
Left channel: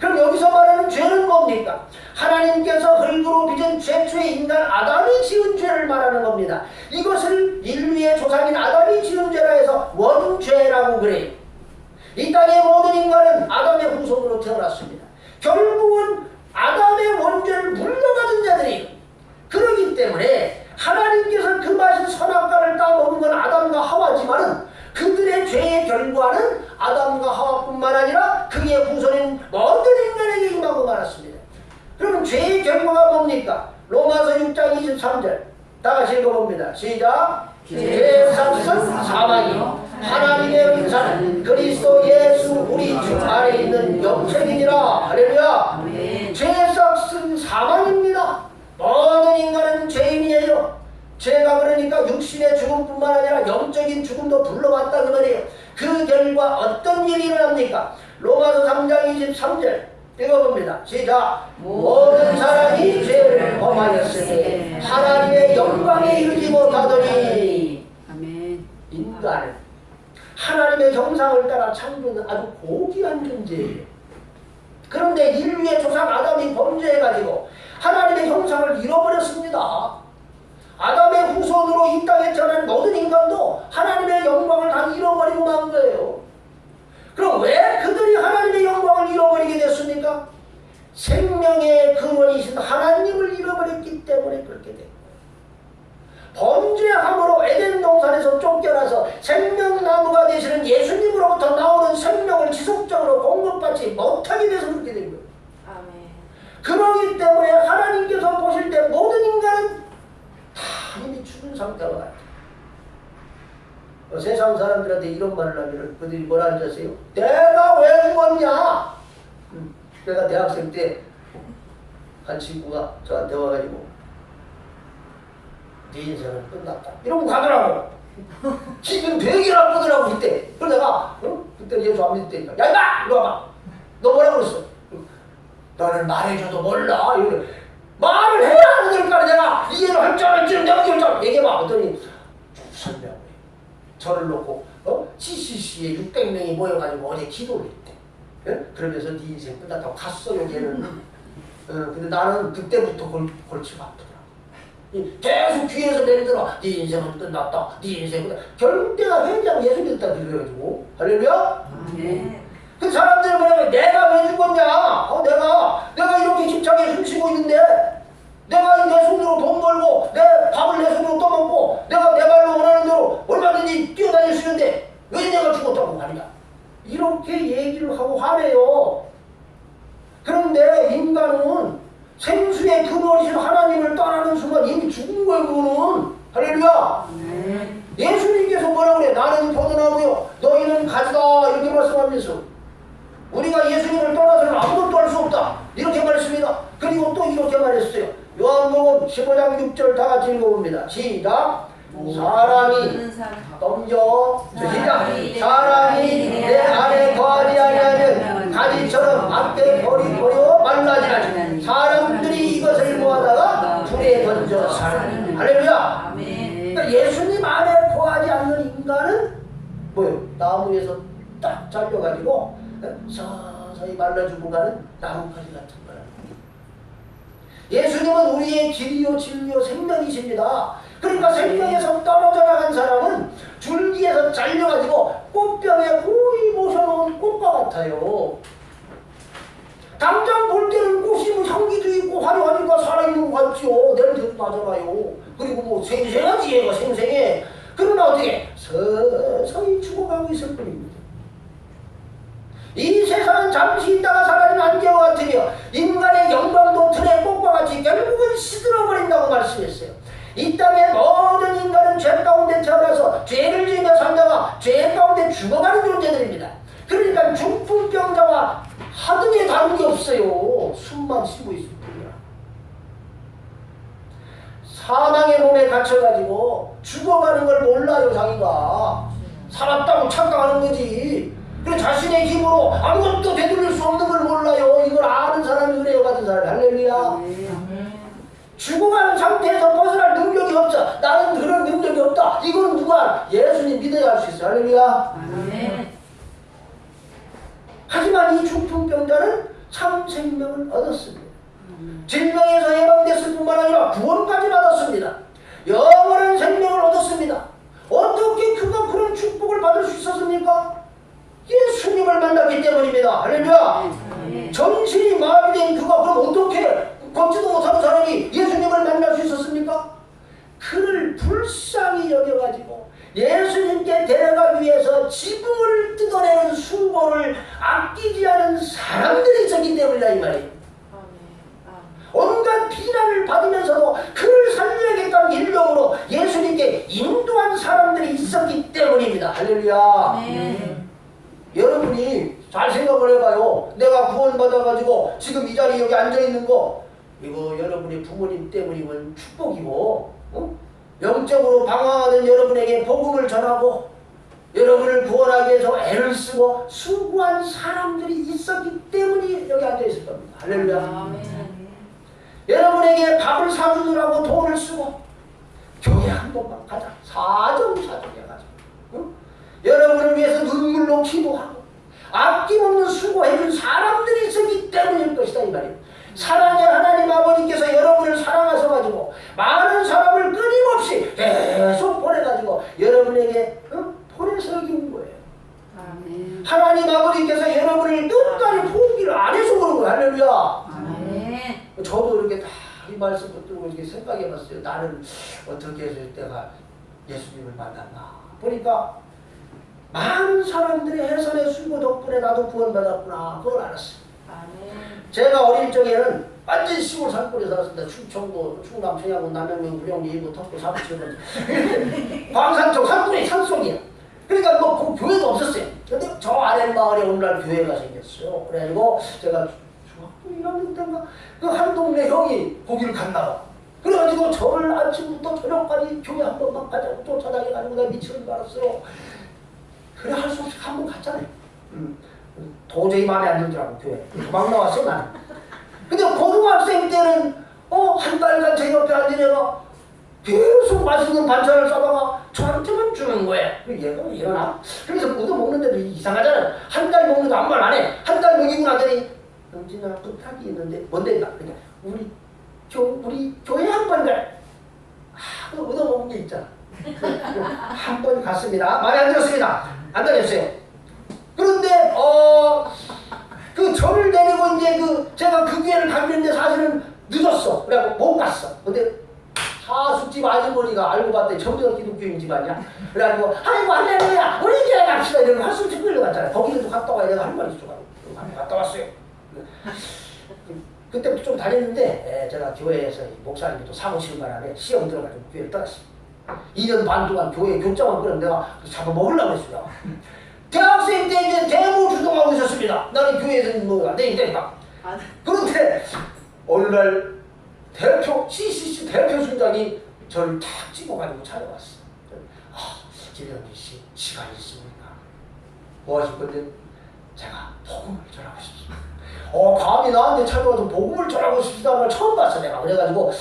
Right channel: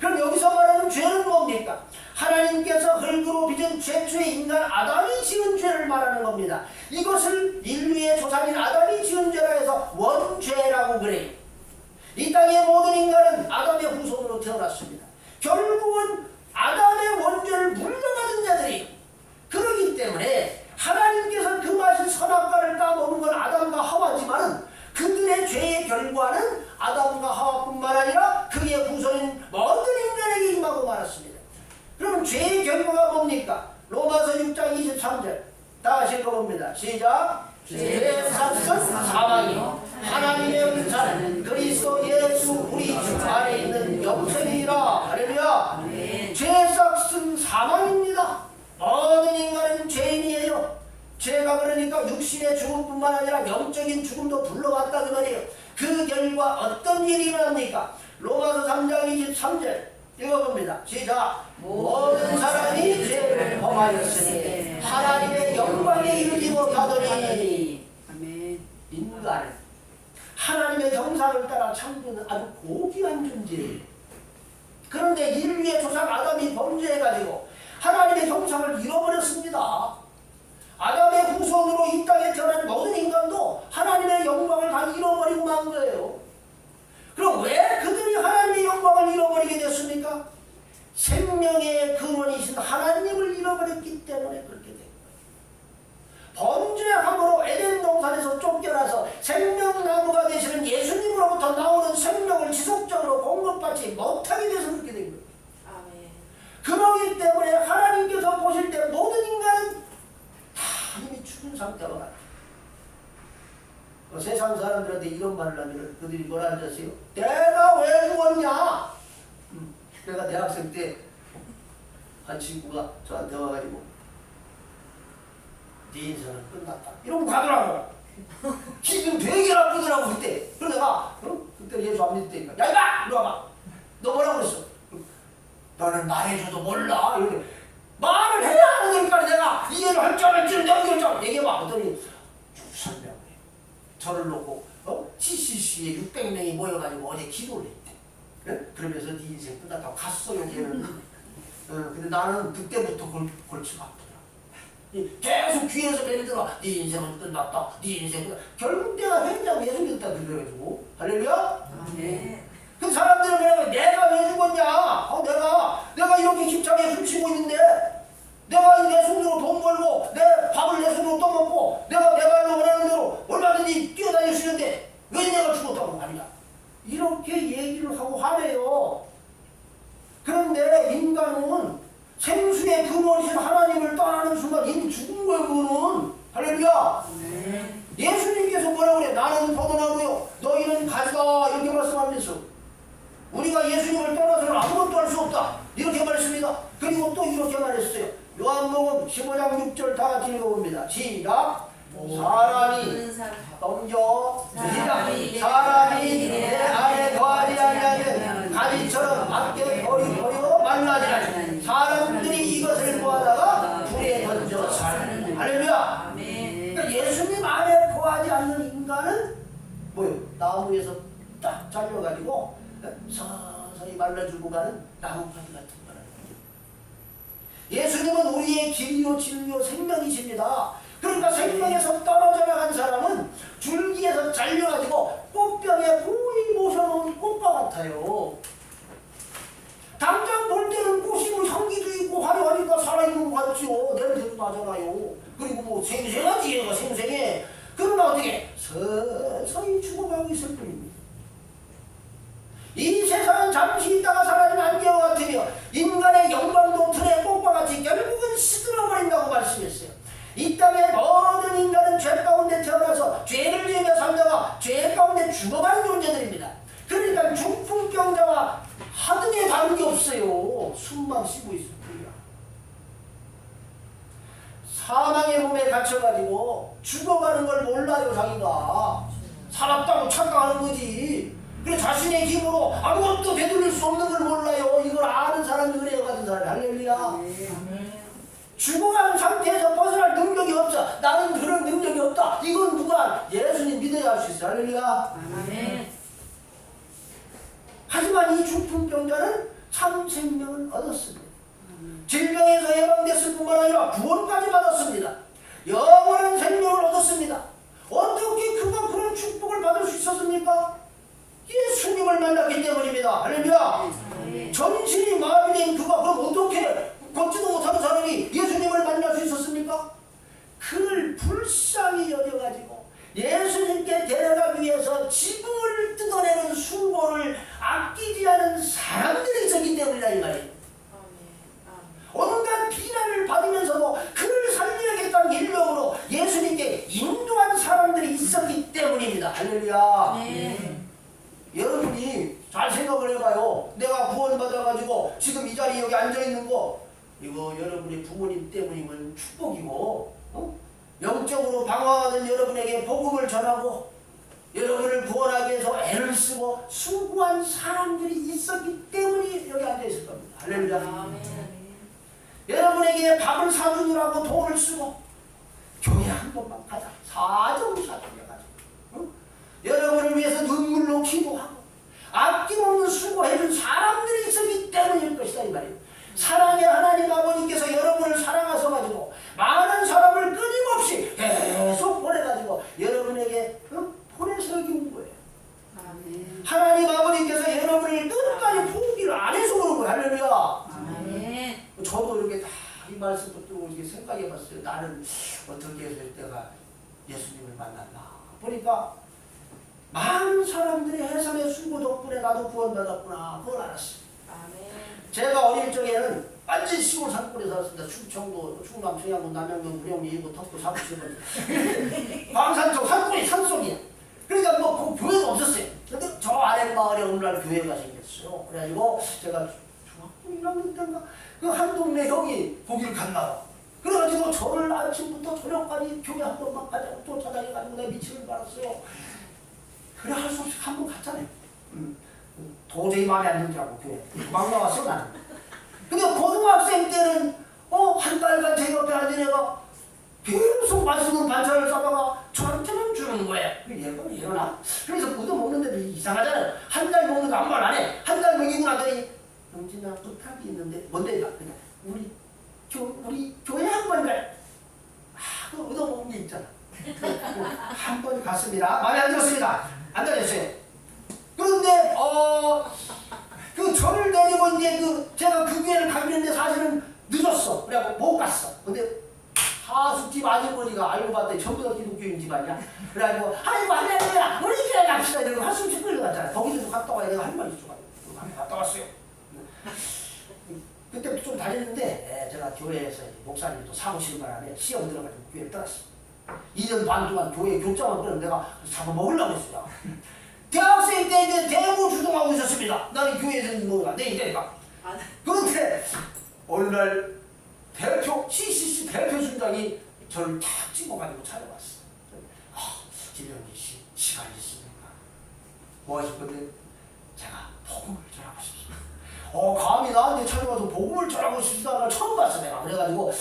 그럼 여기서 말하는 죄는 뭡니까? 하나님께서 흙으로 빚은 최초의 인간 아담이 지은 죄를 말하는 겁니다. 이것을 인류의 조상인 아담이 지은 죄라 해서 원죄라고 그래요. 이 땅의 모든 인간은 아담의 후손으로 태어났습니다. 결국은 아담의 원죄를 물려받은 자들이에요. 그렇기 때문에 하나님께서 그 맛인 선악과를 따먹은 건 아담과 하와지만 그들의 죄의 결과는 아담과 하와뿐만 아니라 그의 후손인 모든 인간에게 임하고 말았습니다. 그럼 죄의 결과가 뭡니까? 로마서 6장 23절 다 같이 읽어봅니다. 시작. 죄의 삭은 사망이요 하나님의 은사는 그리스도 예수 우리 주 안에 있는 영생이니라. 할렐루야. 죄의 삭은 사망입니다. 모든 인간은 죄인이에요. 죄가 그러니까 육신의 죽음뿐만 아니라 영적인 죽음도 불러왔다 그 말이에요. 그 결과 어떤 일이 일어납니까? 로마서 3장 23절 읽어봅니다. 시작. 모든 사람이 죄를 범하였으니 하나님의 영광에 이르지 못하더니. 아멘. 인간은 하나님의 형상을 따라 창조는 아주 고귀한 존재예요. 그런데 인류의 조상 아담이 범죄해가지고 하나님의 형상을 잃어버렸습니다. 아담의 후손으로 이 땅에 태어난 모든 인간도 하나님의 영광을 다 잃어버리고 만 거예요. 그럼 왜 그들이 하나님의 영광을 잃어버리게 됐습니까? 생명의 근원이신 하나님을 잃어버렸기 때문에 그렇게 된 거예요. 범죄함으로 에덴 동산에서 쫓겨나서 생명나무가 되시는 예수님으로부터 나오는 생명을 지속적으로 공급받지 못하게 돼서 그렇게 된 거예요. 아멘. 그러기 때문에 하나님께서 보실 때 모든 인간은 다 이미 죽은 상태로 같아요. 세상 사람들한테 이런 말을 하면 그들이 뭐라 하는지 아세요? 내가 왜 죽었냐? 내가 대학생 때 한 친구가 저한테 와가지고 네 인생은 끝났다 이러고 가더라고. 지금 되게 나쁘더라고 그때. 그래서 내가 그때 예수 안 믿을 때니까 야 임마! 이리 와봐. 너 뭐라고 그랬어? 나는 말해줘도 몰라. 이러면 말을 해야 하는 걸까 내가 이해를 할 줄 알지는 내가 결정 얘기해봐. 그랬더니 설명을 해. 저를 놓고 CCC에 600명이 모여가지고 어제 기도를 했대. 예? 그러면서 네 인생 끝났다고 갔어 여기에는. 근데 나는 그때부터 골치가 아프더라. 계속 귀에서 내리더라. 네 인생은 끝났다. 네 인생은 끝났다. 결국 내가 회장 예수 믿었다 그래가지고 할렐루야. 네. 그 사람들이 뭐냐면 내가 왜 죽었냐? 내가 이렇게 힘차게 숨쉬고 있는데 내가 내 손으로 돈 벌고 내 밥을 내 손으로 떠먹고 내가 내 발로 원하는 대로 얼마든지 뛰어다닐 수 있는데 왜 내가 죽었다고 하느냐? 이렇게 얘기를 하고 화내요. 그런데 인간은 생수의 근원이신 하나님을 떠나는 순간 이미 죽은 거예요. 그거는 할렐루야. 예수님께서 뭐라고 그래? 나는 포도나무요 너희는 가지다 이렇게 말씀하면서 우리가 예수님을 떠나서는 아무것도 할 수 없다 이렇게 말했습니다. 그리고 또 이렇게 말했어요. 요한복음 15장 6절 다 같이 읽어봅니다. 시작. 사람이 넘겨 시작. 사람이 내 안에 거하지 아니하면 가지처럼 앞에 버리고 말라지나니 사람들이 이것을 모아다가 불에 던져 사는. 할렐루야. 그러니까 예수님 안에 거하지 않는 인간은 뭐예요? 나무에서 딱 잘려가지고 서서히 말라주고 가는 나뭇가지 같은 거예요. 예수님은 우리의 길이요 진리요 생명이십니다. 그러니까 생명에서 떨어져 나간 사람은 줄기에서 잘려가지고 꽃병에 고이 모셔놓은 꽃과 같아요. 당장 볼 때는 꽃이 뭐 향기도 있고 화려하니까 살아있는 것 같죠. 냄새도 나잖아요. 그리고 뭐 생생하지 얘가 생생해. 그러나 어떻게 서서히 죽어가고 있을 뿐입니다. 이 세상은 잠시 있다가 사라진 안개와 같으며 인간의 영광도 틀의 꽃과 같이 결국은 시들어버린다고 말씀했어요. 이 땅의 모든 인간은 죄 가운데 태어나서 죄를 지으며 살다가 죄 가운데 죽어가는 존재들입니다. 그러니까 중풍병자와 하등에 다른 게 없어요. 숨만 쉬고 있을 뿐이야. 사망의 몸에 갇혀가지고 죽어가는 걸 몰라요. 자기가 살았다고 착각하는 거지. 그 자신의 힘으로 아무것도 되돌릴 수 없는 걸 몰라요. 이걸 아는 사람이 은혜가 받은 사람이. 할렐루야. 죽어가는 상태에서 벗어날 능력이 없어. 나는 할렐루야. 아멘. 하지만 이 중풍병자는 참 생명을 얻었습니다. 질병에서 예방됐을 뿐만 아니라 구원까지 받았습니다. 영원한 생명을 얻었습니다. 어떻게 그가 그런 축복을 받을 수 있었습니까? 예수님을 만났기 때문입니다. 할렐루야. 정신이 마비된 그가 그럼 어떻게 걷지도 못하는 사람이 예수님을 만날 수 있었습니까? 그를 불쌍히 여겨가지고 예수님께 데려가기 위해서 지붕을 뜯어내는 수고를 아끼지 않은 사람들이 있었기 때문이다 이 말이에요. 온갖 비난을 받으면서도 그를 살려야겠다는 일념으로 예수님께 인도한 사람들이 있었기 때문입니다. 할렐루야. 여러분이 잘 생각을 해봐요. 내가 구원받아가지고 지금 이 자리에 여기 앉아있는 거 이거 여러분의 부모님 때문이면 축복이고 영적으로 방황하는 여러분에게 복음을 전하고 여러분을 구원하기 위해서 애를 쓰고 수고한 사람들이 있었기 때문에 여기 앉아있을 겁니다. 할렐루야. 여러분에게 밥을 사주느라고 돈을 쓰고 교회 한 번만 가자 사정사정해 가자 여러분을 위해서 눈물로 기도하고 아낌없는 수고해준 사람들이 있었기 때문일 것이다 이 말이에요. 사랑의 하나님 아버지께서 여러분을 사랑하셔가지고 많은 사람을 끊임없이 계속 보내가지고 여러분에게 보내서 여기 온 거예요. 아멘. 하나님 아버지께서 여러분을 끝까지 포기를 안 해서 그런 거예요. 할렐루야. 아멘. 저도 이렇게 다 이 말씀을 듣고 이렇게 생각해봤어요. 나는 어떻게 해서 내가 예수님을 만났나 보니까 많은 사람들이 해설의 수고 덕분에 나도 구원받았구나 그걸 알았어요. 아멘. 제가 어릴 적에는 완전 시골 산골에 살았습니다. 충청도, 충남, 청양군, 남영명, 구룡리, 일부, 턱구, 사부천은 광산쪽 산골이 산속이야. 그러니까 뭐 교회도 없었어요. 근데 저 아랫마을에 어느 날 교회가 생겼어요. 그래가지고 제가 중학교 1학년 때인가 그 한 동네 형이 거기를 갔나 봐. 그래가지고 저를 아침부터 저녁까지 교회 한 번만 가자고 쫓아다녀가지고 내가 미치는 줄 알았어요. 그래 할 수 없이 한 번 갔잖아요. 도저히 마음에 안 들더라고 교회. 막 나왔어 나는. 근데 고등학생 때는 한 달간 제 옆에 앉은 애가 계속 맛있는 반찬을 싸다가 저한테만 주는 거예요. 얘가 왜 이러나? 그래서 얻어먹는데도 이상하잖아. 한 달 먹는 거 아무 말 안 해. 한 달 먹이고 나더니 영진아 부탁이 있는데 뭔데? 그러니까 우리 교회 한 번 가. 그 얻어먹은 게 있잖아. 한 번 갔습니다. 말이 안 들었습니다. 안 다녔어요. 그런데 그 저를 데리고 이제 제가 그 교회를 갔는데 사실은 늦었어. 그래갖고 못 갔어. 근데 하숙집 아주머니가 알고 봤더니 정대가 기독교인 집안이야. 그래가지고 아이고 할렐루야 우리 교회 갑시다. 이러고 하숙집 끌려갔잖아요. 거기도 갔다 와야 내가 할 말이 있어가지고 갔다 왔어요. 그때부터 좀 다녔는데 제가 교회에서 목사님이 또 사무실 바람에 시험 들어가지고 교회를 떠났어요. 2년 반 동안 교회 교장만 끌어 내가 잡아먹으려고 했어요. 대학생 때 이제 대모 주동하고 있었습니다. 나는 교회에서 뭐 안 되니까. 그런데 어느 날 대표 CCC 대표 순장이 저를 탁 찍어가지고 찾아왔어. 지명진 씨 시간이 있습니까? 뭐 하실 건데? 제가 복음을 전하고 싶습니다. 감히 나한테 찾아와서 복음을 전하고 싶다는 걸 처음 봤어 내가. 그래가지고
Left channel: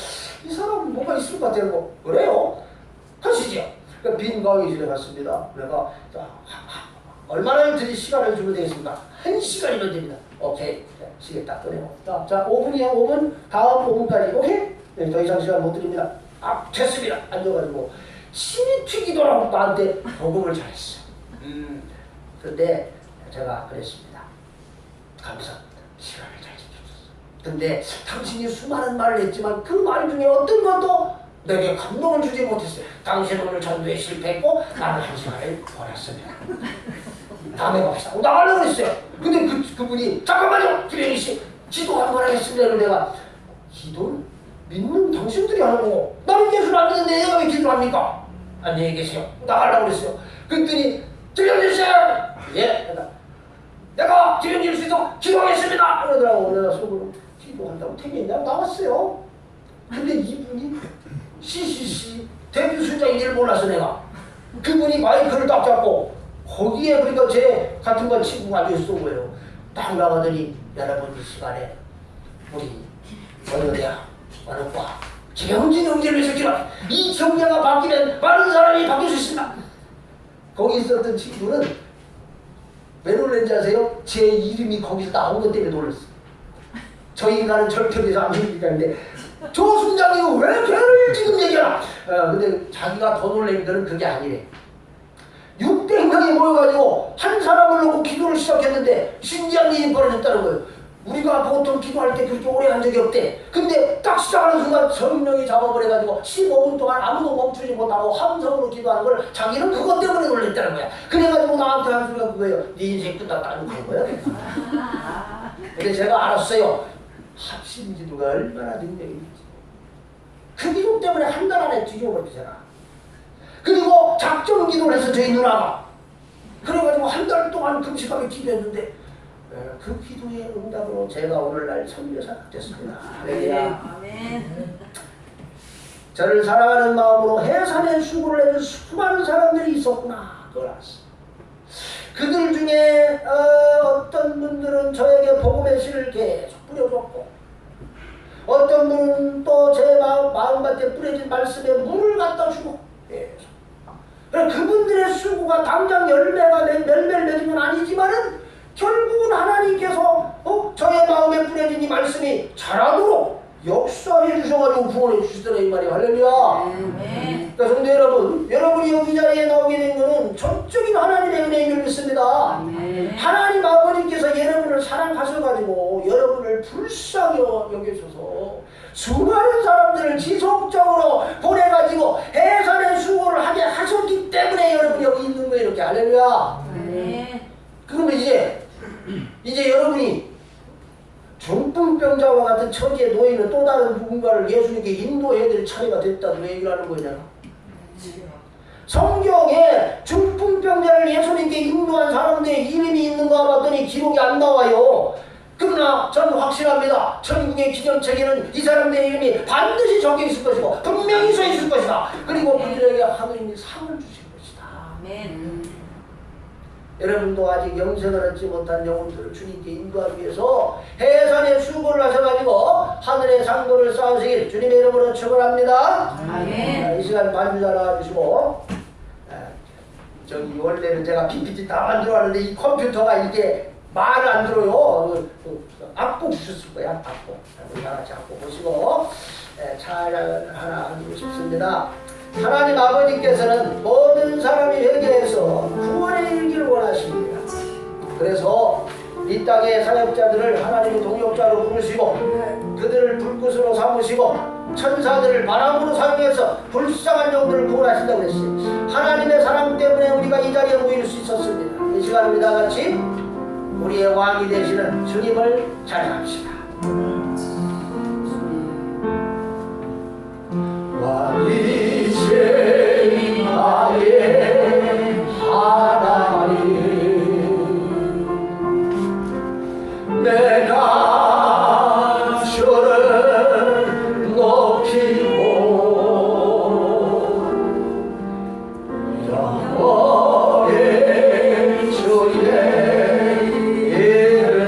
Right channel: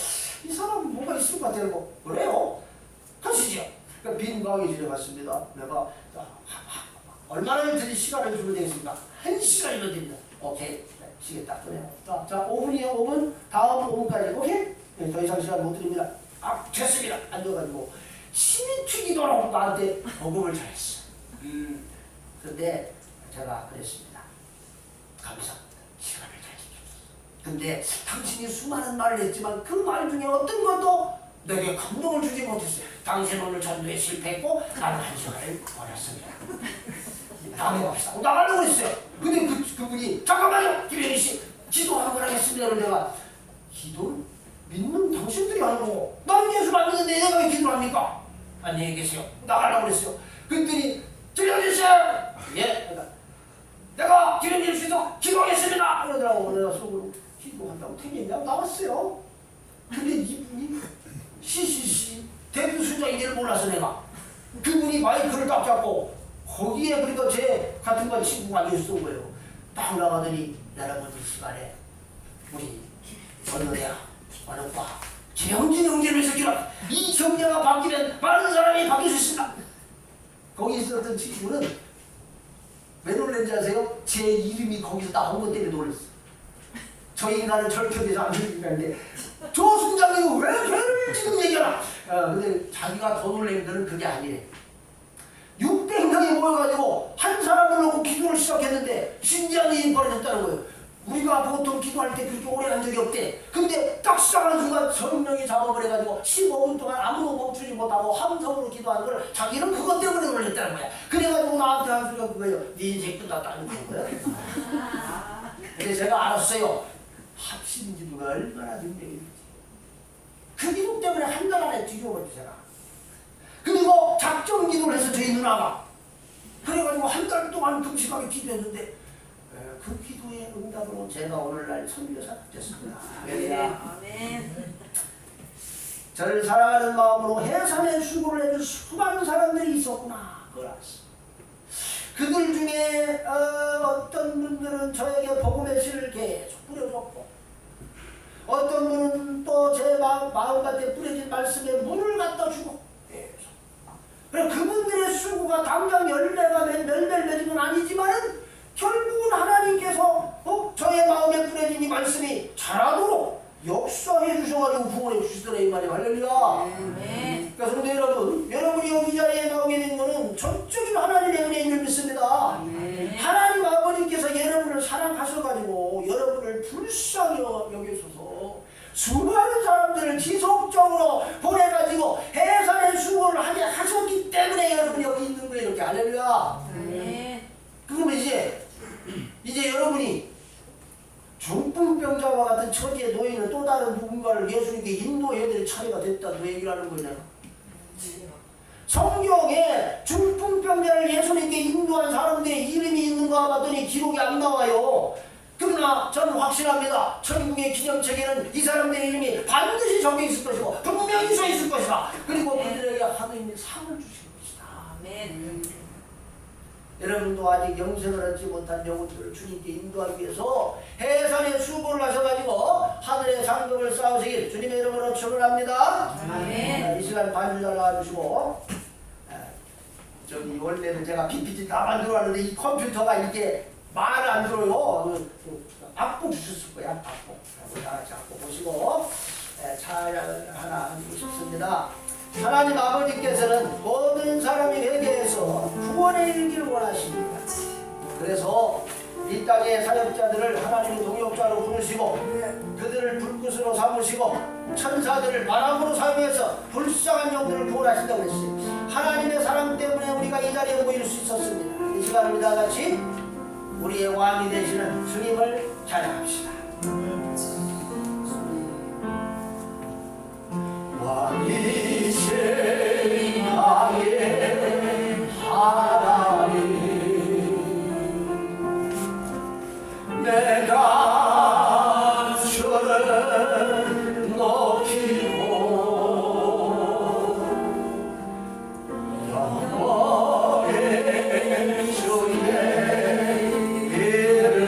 이 사람은 뭐가 있을 것 같아요. 그래요? 하시죠. 그러니까 빈 강의실에 갔습니다. 내가 얼마나 드릴 시간을 주면 되겠습니까? 1시간이면 됩니다. 오케이. 시계 딱 꺼내고. 자, 5분이요. 5분. 다음 5분까지. 오케이? 네, 더 이상 시간 못 드립니다. 됐습니다. 앉아가지고 침이 튀기도 하고 나한테 복음을 잘했어. 근데 제가 그랬습니다. 감사합니다. 시간을 잘 지켜줬어. 근데 당신이 수많은 말을 했지만 그 말 중에 어떤 것도 내게 감동을 주지 못했어요. 당신은 오늘 전도에 실패했고 나는 1시간을 버렸습니다. 다음에 봅시다. 나가려고 그랬어요. 근데 그분이 잠깐만요. 김영희 씨 기도 한 번 하겠습니다. 그래서 내가 기도는 믿는 당신들이 하는 거고 나는 예수를 안 믿는데 내가 왜 기도를 합니까? 안녕히 계세요. 나가려고 그랬어요. 그랬더니 김영희 씨 예. 내가 김영희 씨도 기도하겠습니다. 그러더라고. 내가 속으로 기도한다고 택했냐? 나왔어요. 근데 이분이 CCC 대표 순장인 줄 몰랐어 내가. 그분이 마이크를 딱 잡고 거기에 그러니까 제 같은 건 친구가 앉아있었던 거예요. 딱 나가더니 여러분 이 시간에 우리 어느 대학 어느 과 김영진 형제를 새끼라 이 경제가 바뀌면 많은 사람이 바뀔 수 있습니다. 거기 있었던 친구는 왜 놀랐는지 아세요? 제 이름이 거기서 나온 것 때문에 놀랐어. 저 인간은 절편에서 안 믿는데 저 순장이 왜 걔를 지금 얘기하나? 근데 자기가 더 놀란 거는 그게 아니래. 600명이 모여가지고 한 사람을 놓고 기도를 시작했는데 신기한 일이 벌어졌다는 거예요. 우리가 보통 기도할 때 그렇게 오래 한 적이 없대. 근데 딱 시작하는 순간 성령이 잡아버려가지고 15분 동안 아무도 멈추지 못하고 함성으로 기도하는 걸 자기는 그것 때문에 놀랬다는 거야. 그래가지고 나한테 한 소리가 그거예요. 네 인생 끝났다는 거예요. 근데 제가 알았어요. 합심 기도가 얼마나 능력이 있는지. 그 기도 때문에 한 달 안에 뒤집어버렸지 제가. 그리고 작정 기도를 해서 저희 누나가 그래가지고 한 달 동안 금식하게 기도했는데 그 기도의 응답으로 제가 오늘날 선교사가 됐습니다. 할렐루야. 아멘. 저를 사랑하는 마음으로 해산의 수고를 해준 수많은 사람들이 있었구나. 그걸 알았어. 그들 중에 어떤 분들은 저에게 복음의 씨를 계속 뿌려줬고 어떤 분은 또 제 마음밭에 뿌려진 말씀에 물을 갖다 주고 계속. 그분들의 수고가 당장 열매가 맺은 건 아니지만은 결국은 하나님께서 저의 마음에 뿌려진 이 말씀이 자라도록 역사해 주셔가지고 구원해 주시더라 이 말이에요. 할렐루야. 그러니까 성도 여러분, 여러분이 여기 자리에 나오게 된 것은 전적인 하나님의 은혜임을 믿습니다. 하나님 아버지께서 여러분을 사랑하셔가지고 여러분을 불쌍히 여기셔서 수많은 사람들을 지속적으로 보내가지고 해산의 수고를 하게 하셨기 때문에 여러분이 여기 있는 거예요. 이렇게. 할렐루야. 그러면 이제 여러분이 중풍병자와 같은 처지에 놓이는 또 다른 누군가를 예수님께 인도해야 될 차례가 됐다고 얘기를 하는 거냐. 성경에 중풍병자를 예수님께 인도한 사람들의 이름이 있는가 봤더니 기록이 안 나와요. 그러나 저는 확신합니다. 천국의 기념책에는 이 사람들의 이름이 반드시 적혀 있을 것이고 분명히 써 있을 것이다. 그리고 그들에게 하느님이 상을 주실 것이다. 아멘. 여러분도 아직 영생을 얻지 못한 영혼들을 주님께 인도하기 위해서 해산의 수고를 하셔가지고 하늘의 상도를 쌓으시길 주님의 이름으로 축원합니다. 아멘. 이 시간 반주자 나와주시고 저기 원래는 제가 PPT 다 만들어 왔는데 이 컴퓨터가 이게 말을 안 들어요. 악보 주셨을 거야. 악보. 우리 다 같이 악보 보시고 찬양을 하나 하고 싶습니다. 하나님 아버지께서는 모든 사람이 회개해서 구원에 이르기를 원하십니다. 그래서 이 땅의 사역자들을 하나님의 동역자로 부르시고 그들을 불꽃으로 삼으시고 천사들을 바람으로 사용해서 불쌍한 영들을 구원하신다고 했어요. 하나님의 사랑 때문에 우리가 이 자리에 모일 수 있었습니다. 이 시간 우리 다 같이 우리의 왕이 되시는 주님을 찬양합시다. 왕이신 나의 하나님 내가 주를 높이고 영원의 주의 이름을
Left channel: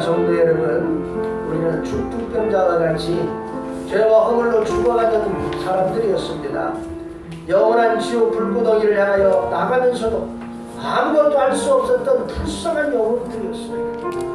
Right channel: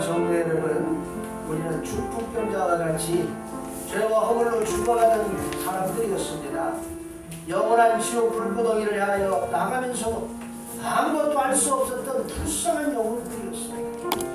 사랑하는 성도 여러분, 우리는 죽풍병자와 같이 죄와 허물로 죽어가는 사람들이었습니다. 영원한 지옥 불구덩이를 향하여 나가면서도 아무것도 알 수 없었던 불쌍한 영혼들이었어요.